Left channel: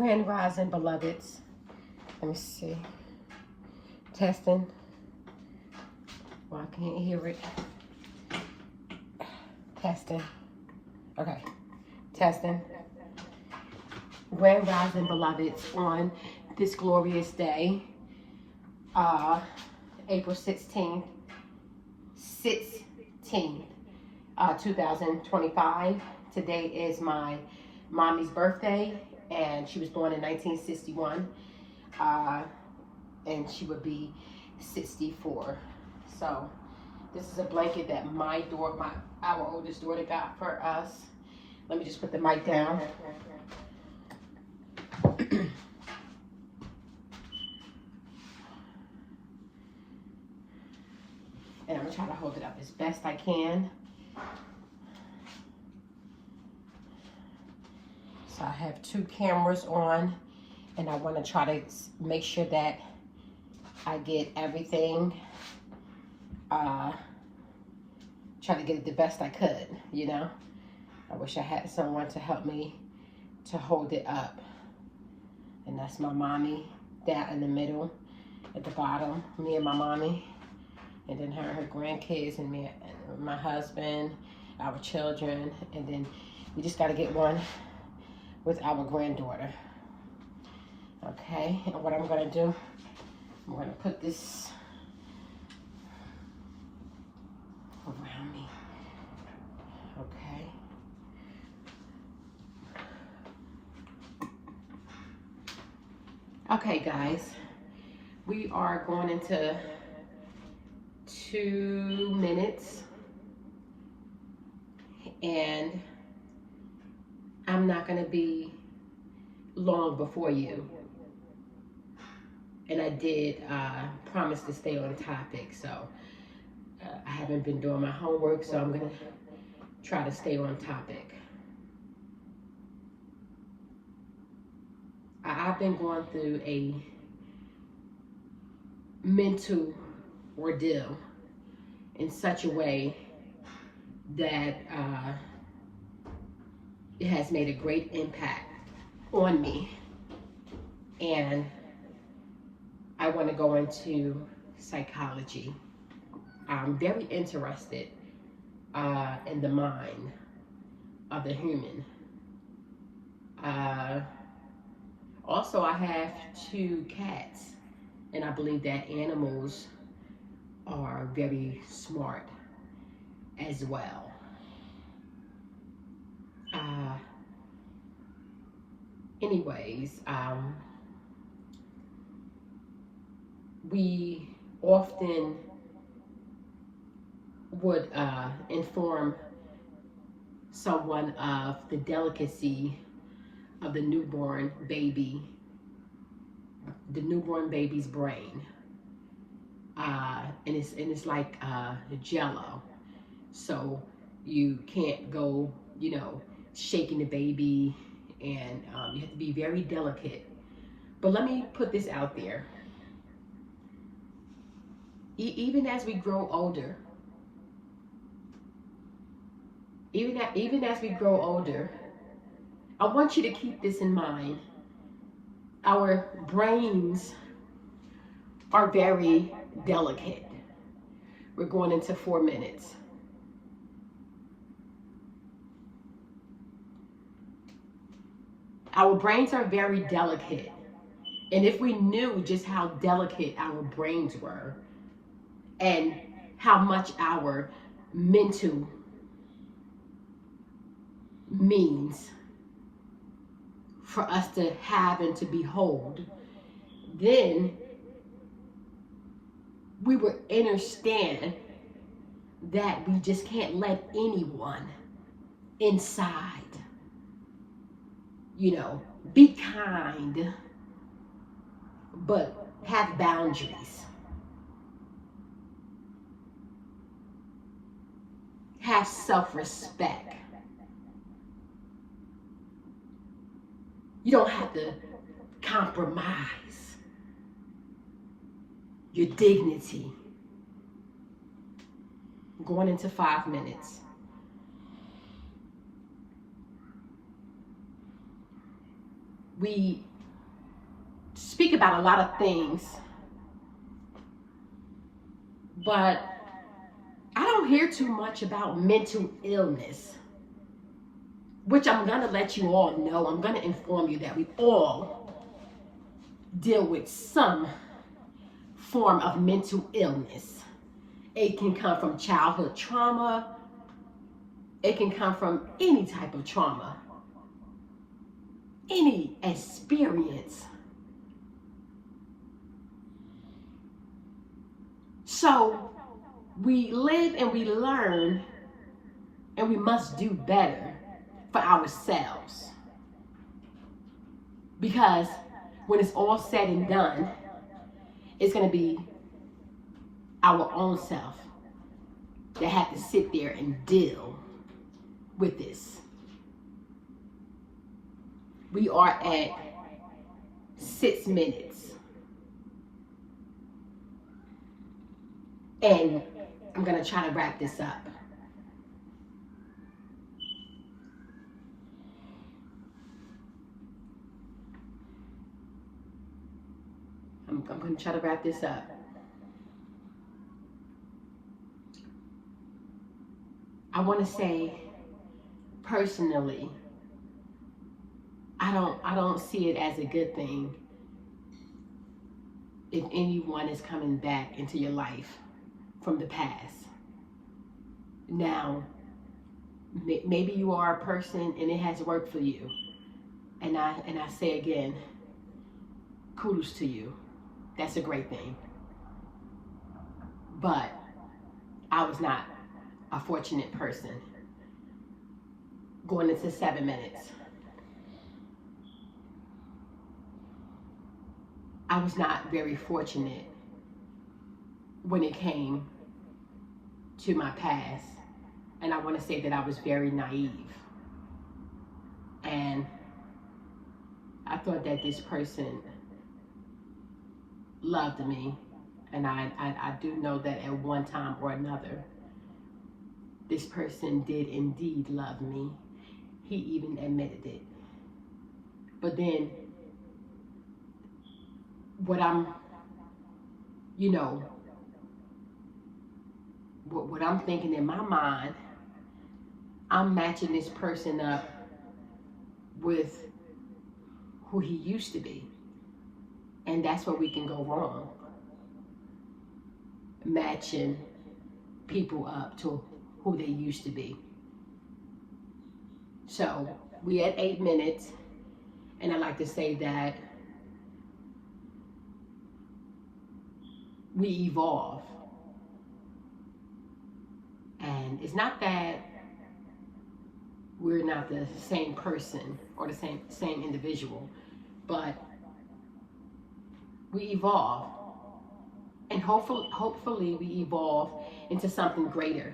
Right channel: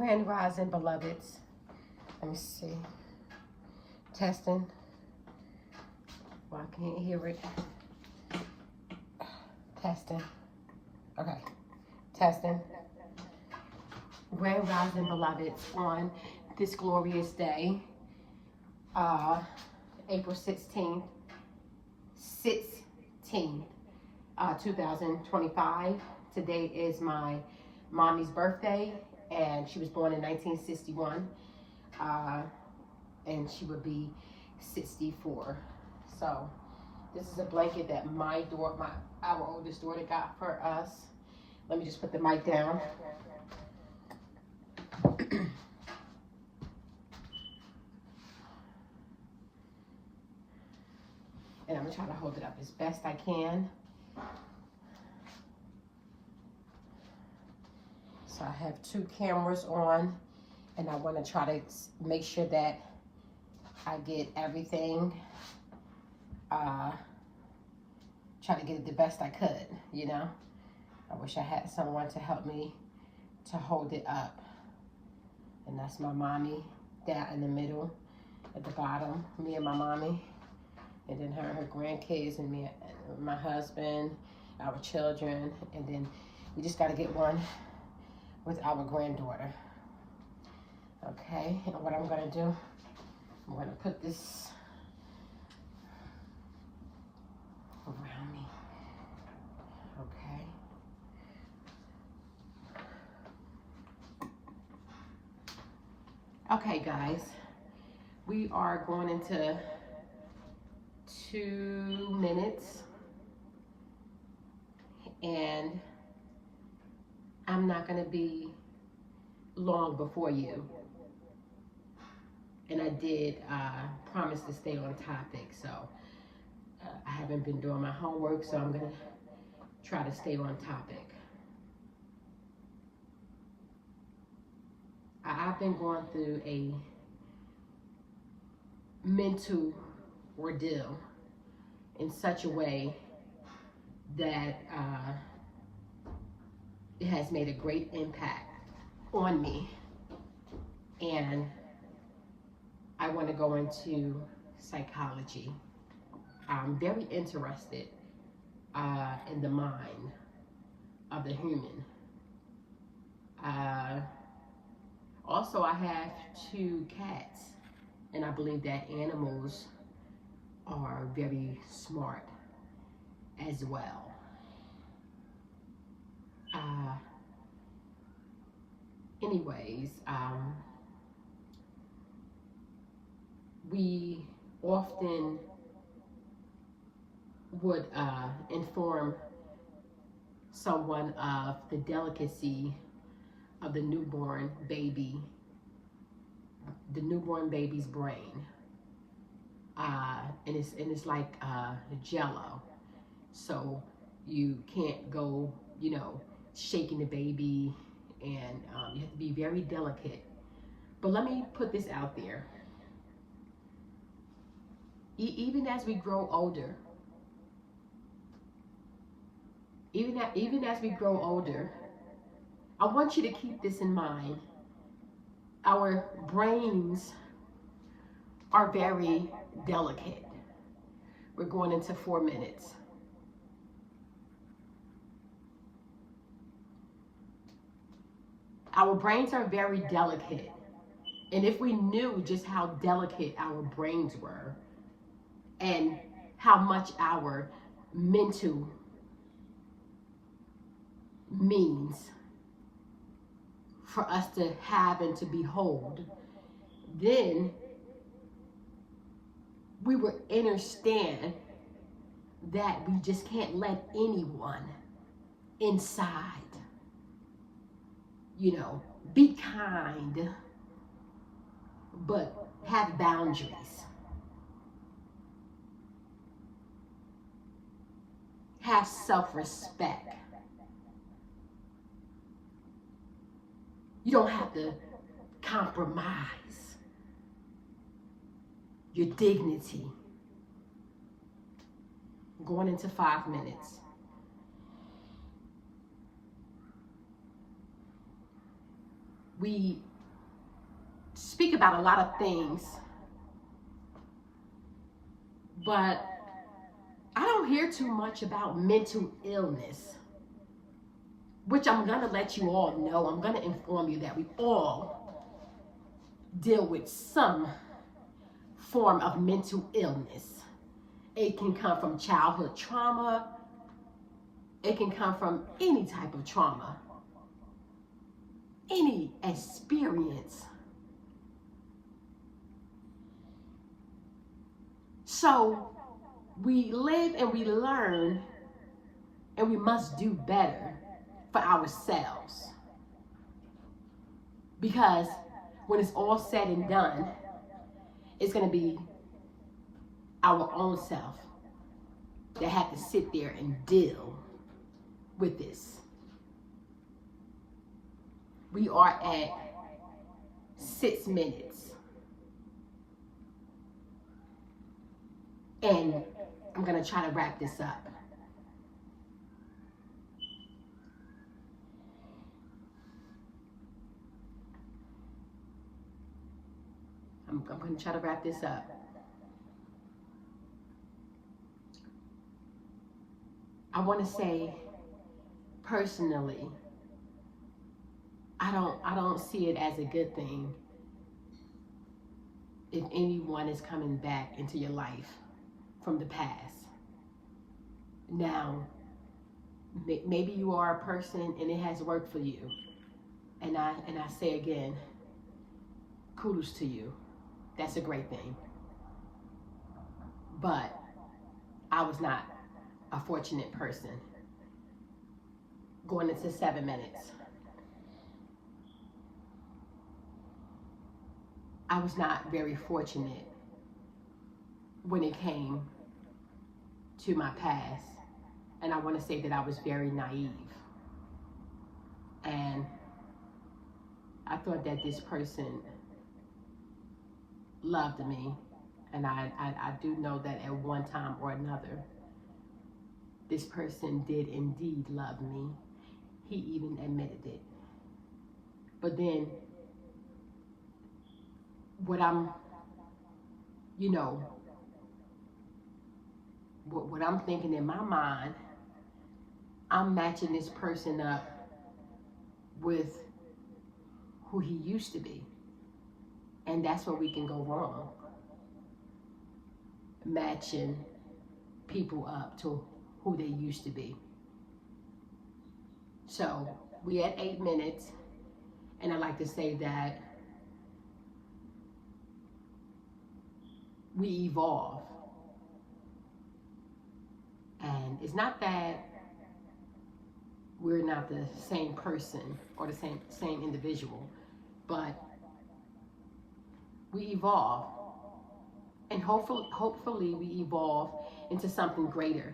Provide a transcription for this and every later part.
Grand Rising, beloveds. Let me see. Testing. Well, I can't hear it. Testing. Okay. Testing. Grand Rising, beloveds, on this glorious day, April 16th, 2025. Today is my mommy's birthday, and she was born in 1961, and she would be 64. So this is a blanket that our oldest daughter got for us. Let me just put the mic down. And I'm gonna try to hold it up as best I can. So I have two cameras on, and I want to try to make sure that I get everything, try to get it the best I could, you know. I wish I had someone to help me to hold it up. And that's my mommy down in the middle, at the bottom, me and my mommy, and then her grandkids, and me and my husband, our children, and then we just got to get one with our granddaughter. Okay, and what I'm gonna do, I'm gonna put this around me. Okay. Okay, guys, we are going into 2 minutes, and I'm not going to be long before you. And I did promise to stay on topic, so I haven't been doing my homework, so I'm going to try to stay on topic. I've been going through a mental ordeal in such a way that it has made a great impact on me, and I want to go into psychology. I'm very interested in the mind of the human. Also, I have 2 cats, and I believe that animals are very smart as well. Anyways, we often would inform someone of the delicacy of the newborn baby's brain, and it's like Jello, so you can't go, you know, shaking the baby, and you have to be very delicate. But let me put this out there. Even as we grow older, even as we grow older, I want you to keep this in mind. Our brains are very delicate. We're going into 4 minutes. Our brains are very delicate. And if we knew just how delicate our brains were, and how much our mental means for us to have and to behold, then we would understand that we just can't let anyone inside. You know, be kind, but have boundaries. Have self-respect. You don't have to compromise your dignity. Going into 5 minutes. We speak about a lot of things, but I don't hear too much about mental illness, which I'm going to let you all know. I'm going to inform you that we all deal with some form of mental illness. It can come from childhood trauma. It can come from any type of trauma, any experience. So we live and we learn, and we must do better for ourselves. Because when it's all said and done, it's going to be our own self that have to sit there and deal with this. We are at 6 minutes. And I'm going to try to wrap this up. I'm going to try to wrap this up. I want to say, personally, I don't see it as a good thing if anyone is coming back into your life from the past. Now, maybe you are a person and it has worked for you. And I say again, kudos to you. That's a great thing. But I was not a fortunate person. Going into 7 minutes. I was not very fortunate when it came to my past. And I want to say that I was very naive. And I thought that this person loved me. And I do know that at one time or another, this person did indeed love me. He even admitted it. But then, what I'm thinking in my mind, I'm matching this person up with who he used to be. And that's where we can go wrong. Matching people up to who they used to be. So, we at 8 minutes, and I like to say that we evolve. And it's not that we're not the same person or the same individual, but we evolve. And hopefully we evolve into something greater.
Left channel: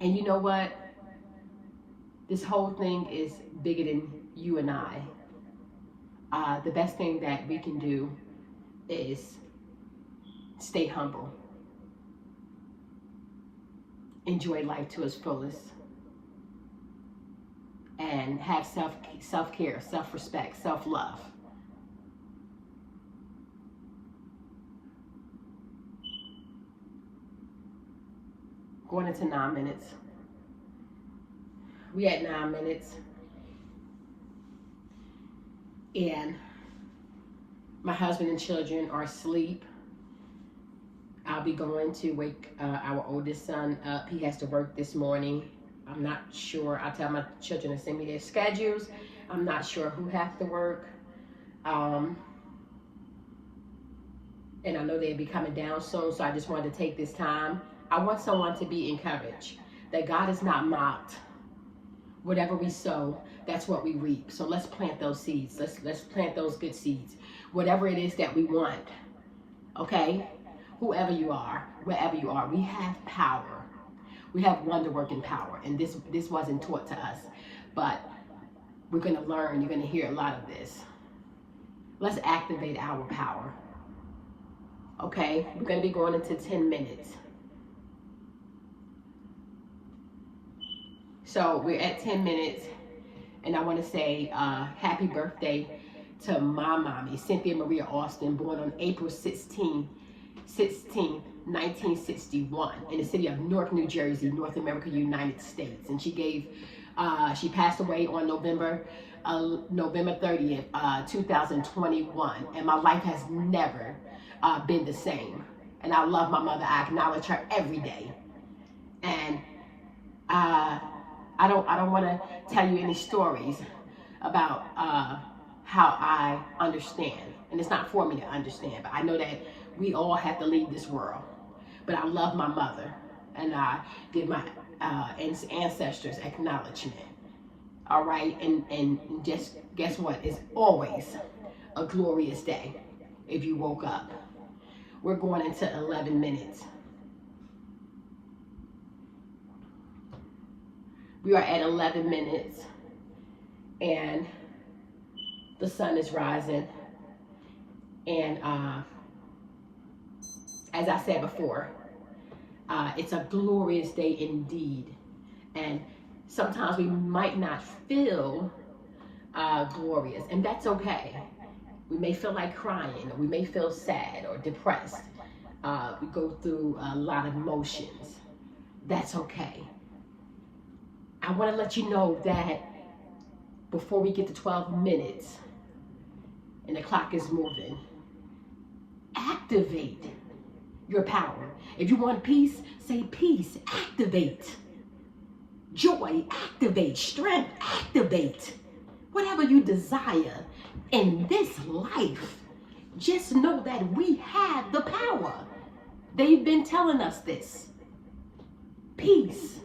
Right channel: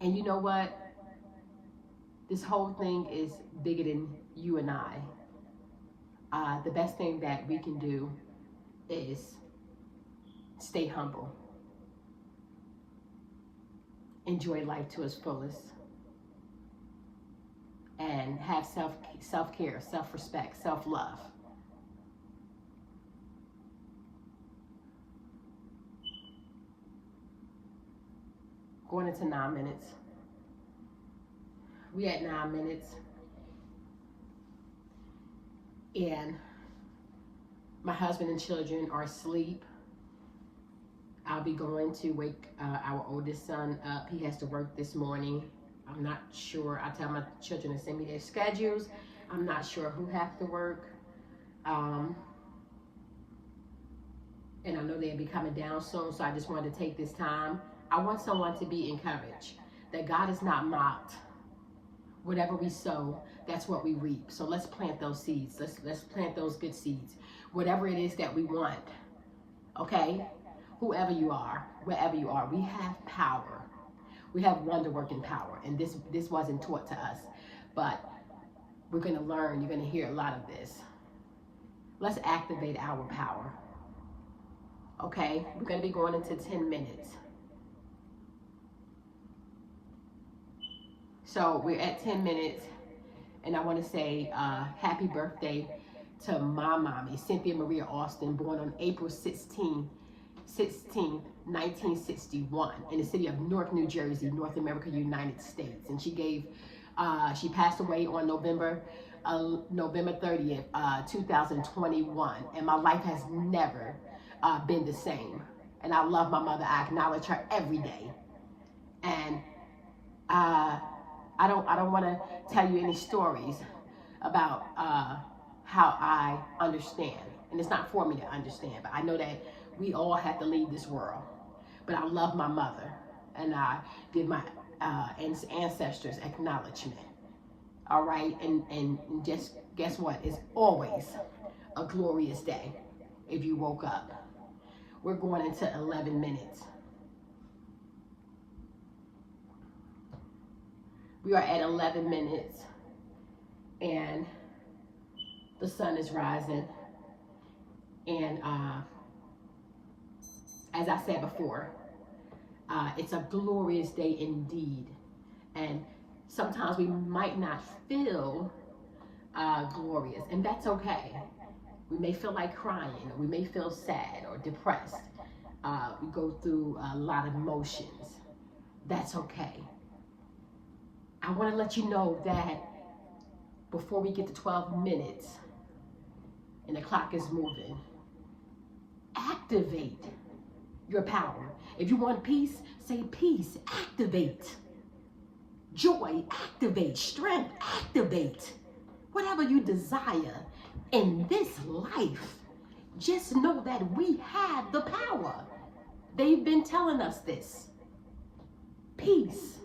And you know what? This whole thing is bigger than you and I. The best thing that we can do is stay humble. Enjoy life to its fullest. And have self-care, self-respect, self-love. Going into 9 minutes. We at 9 minutes. And my husband and children are asleep. I'll be going to wake our oldest son up. He has to work this morning. I'm not sure. I tell my children to send me their schedules. I'm not sure who has to work. And I know they'll be coming down soon, so I just wanted to take this time. I want someone to be encouraged that God is not mocked. Whatever we sow, that's what we reap. So let's plant those seeds. Let's plant those good seeds. Whatever it is that we want, okay? Whoever you are, wherever you are, we have power. We have wonder-working power, and this wasn't taught to us, but we're going to learn. You're going to hear a lot of this. Let's activate our power, okay? We're going to be going into 10 minutes. So we're at 10 minutes, and I want to say happy birthday to my mommy, Cynthia Maria Austin, born on April 16, 1961, in the city of Newark, New Jersey, North America, United States. And she passed away on November 30th, 2021. And my life has never been the same. And I love my mother. I acknowledge her every day. And I don't want to tell you any stories about how I understand. And it's not for me to understand, but I know that we all have to leave this world. But I love my mother, and I give my ancestors acknowledgement. All right, and just guess what? It's always a glorious day if you woke up. We're going into 11 minutes. We are at 11 minutes, and the sun is rising. And as I said before, it's a glorious day indeed. And sometimes we might not feel glorious, and that's okay. We may feel like crying, or we may feel sad or depressed. We go through a lot of emotions. That's okay. I want to let you know that before we get to 12 minutes and the clock is moving, activate your power. If you want peace, say peace. Activate. Joy, activate. Strength, activate. Whatever you desire in this life, just know that we have the power. They've been telling us this. Peace.